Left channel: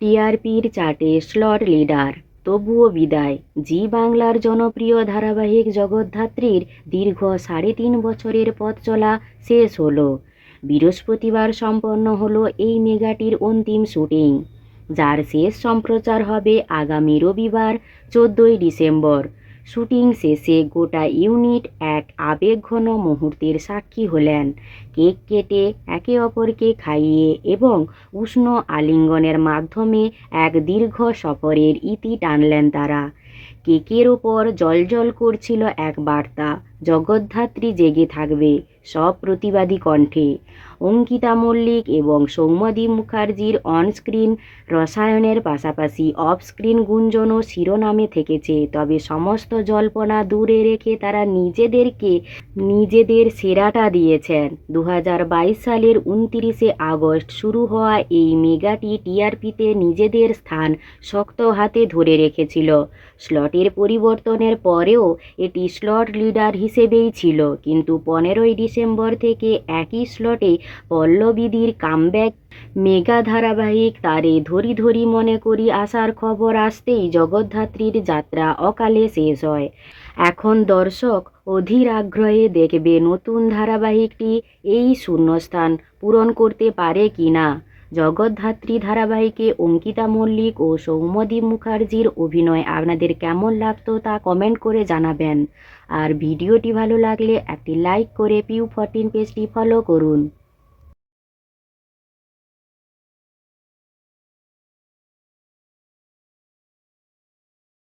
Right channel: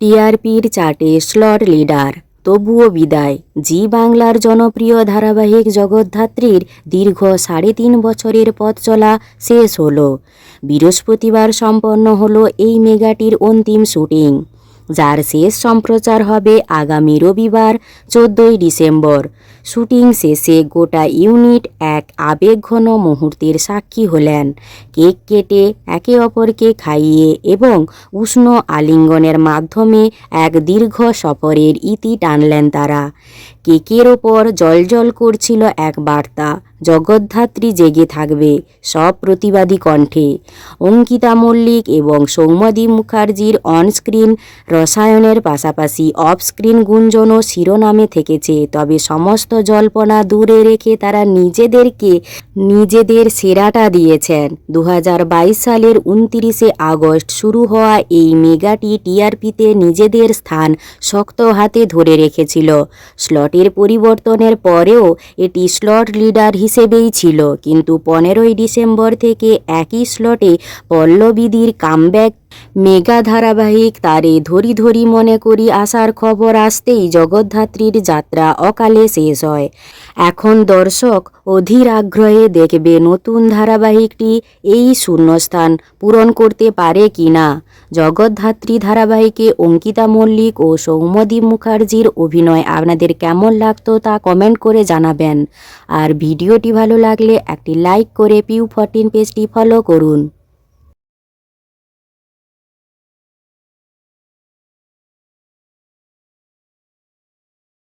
টিআরপির চার্টে slot leader, তবুও বিদায়। জি বাংলার জনপ্রিয় ধারাবাহিক জগদ্ধাত্রীর দীর্ঘ 3.5 বছরের পথ চলা শেষ হলো। বৃহস্পতিবার সম্পন্ন হলো এই মেগাটির অন্তিম শুটিং, যার শেষ সম্প্রচার হবে আগামী রবিবার 14ই ডিসেম্বর। শুটিং শেষে গোটা ইউনিট এক আবেগঘন মুহূর্তের সাক্ষী হলেন। কেক কেটে, একে অপরকে খাইয়ে এবং উষ্ণ আলিঙ্গনের মাধ্যমে এক দীর্ঘ সফরের ইতি টানলেন তারা। কেকের ওপর জলজল করছিল এক বার্তা, জগদ্ধাত্রী জেগে থাকবে সব প্রতিবাদী কণ্ঠে। অঙ্কিতা মল্লিক এবং সৌম্যদীপ মুখার্জির অনস্ক্রিন রসায়নের পাশাপাশি অফস্ক্রিন গুঞ্জনও শিরোনামে থেকেছে। তবে সমস্ত জল্পনা দূরে রেখে তারা নিজেদের সেরাটা দিয়েছেন। 2022 সালের 29শে আগস্ট শুরু হওয়া এই মেগাটি টিআরপিতে নিজেদের স্থান শক্ত হাতে ধরে রেখেছিল। স্লটের পরিবর্তনের পরেও এটি স্লট লিডার হিসেবেই ছিল, কিন্তু 15ই ডিসেম্বর থেকে একই স্লটে পল্লবীদির কামব্যাক মেগা ধারাবাহিক তারে ধরি ধরি মনে করি আসার খবর আসতেই জগদ্ধাত্রীর যাত্রা অকালে শেষ হয়। এখন দর্শক অধীর আগ্রহে দেখবে নতুন ধারাবাহিকটি এই শূন্যস্থান পূরণ করতে পারে কিনা। জগদ্ধাত্রী ধারাবাহিকে অঙ্কিতা মল্লিক ও সৌম্যদীপ মুখার্জির অভিনয় আপনাদের কেমন লাগতো তা কমেন্ট করে জানাবেন। আর ভিডিওটি ভালো লাগলে একটি লাইক করে পিউ 14 পেজটি ফলো করুন।